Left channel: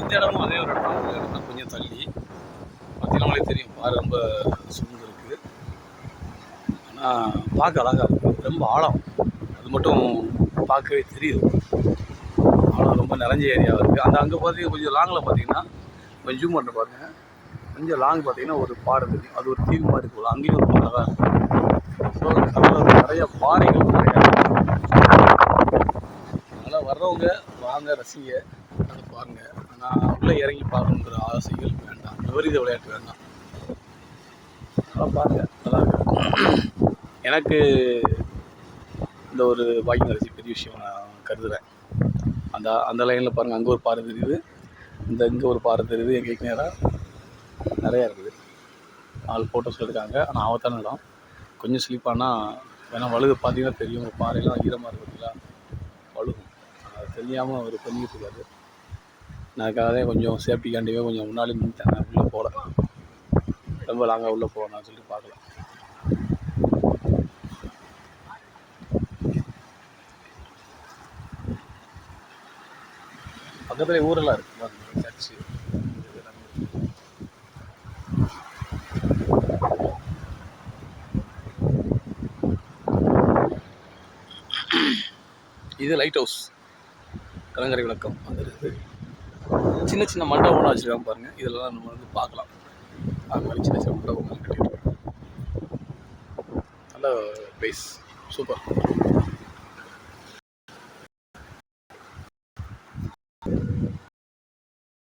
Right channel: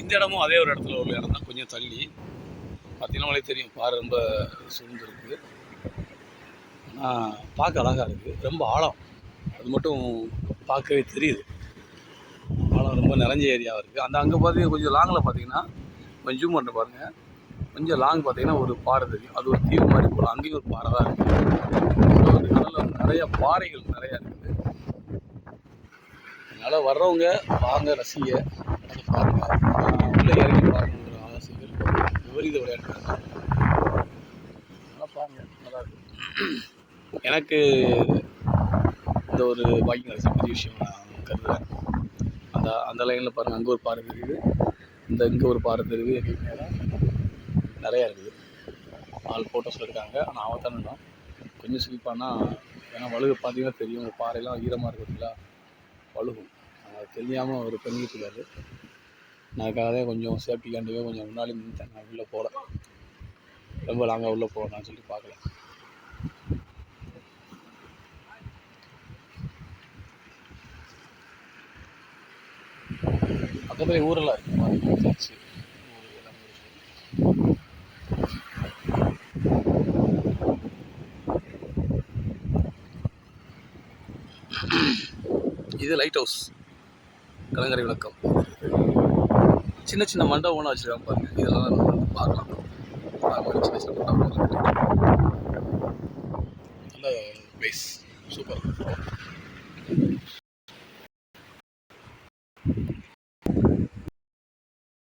இந்த இடமும் அதே ஒரு இடத்துல உள்ள இடம் தான், கொஞ்சம் தள்ளி. பார்த்தீங்கன்னாலே தெரியும், பாறை ரொம்ப சூழ்ந்து இருக்குது. ஆனால் பார்க்க அழகாக இருக்குது, ரொம்ப ஆழம். அது மட்டும் பார்க்கவே தெரியுது. ஆழம் ரொம்ப நிறைஞ்ச ஏரியாவாக இருக்குது. அந்த அங்கே பார்த்தீங்கன்னா கொஞ்சம் லாங்கில் பார்த்தீங்கன்னா, கொஞ்சம் ஜூம் பண்ண பாருங்கள், கொஞ்சம் லாங் பார்த்தீங்கன்னா ஒரு பாறை தெரியும். அது ஒரு தீவு மாதிரி போகலாம், அங்கேயும் ஒரு பாறை தான் இருக்குது. ஸோ அந்த கடலில் நிறைய பாறைகள் நிறைய. அதனால் வர்றவங்க வாங்க, ரசிங்க, அதை பாருங்கள். உள்ளே இறங்கி பார்க்கணுங்கிற ஆசைகள் விபரீத விளையாட்டுறாங்க. அதெல்லாம் பாருங்கள், நல்லா இருக்கு. எனக்கு இந்த ஒரு பாக்கியம் கிடைச்ச பெரிய விஷயம் நான் கருதுகிறேன். அந்த லைனில் பாருங்கள், அங்கே ஒரு பாறை தெரியுது, இங்கே ஒரு பாறை தெரியுது. எங்களுக்கு நேராக நிறையா இருக்குது. ஆள் ஃபோட்டோஸ் எடுக்காங்க. ஆனால் ஆபத்தான இடம், கொஞ்சம் ஸ்லிப்பானா ஏன்னா வழுகு பார்த்தீங்கன்னா தெரியும், பாறையெல்லாம் ஈரமாக இருக்குங்களா, வழுகும். தெரியாமல் அவர் பண்ணிட்டு இருக்காரு. நான் அதுக்காகவே கொஞ்சம் சேஃப்டிக்காண்டியே கொஞ்சம் முன்னாடி நின்றுட்டேன். உள்ளே போகல, ரொம்ப லாங்காக உள்ளே போகலான்னு சொல்லி பார்க்கல. பக்கத்துலேயே ஊரெல்லாம் இருக்குது, சர்ச்சு. இது லைட் ஹவுஸ், கலங்கரை விளக்கம். சின்ன சின்ன மண்டபம்லாம் வச்சுருக்காங்க பாருங்கள், இதெல்லாம் நம்ம வந்து பார்க்கலாம். அது மாதிரி சின்ன சின்ன மண்டபம் நல்ல பிளேஸ், சூப்பர்.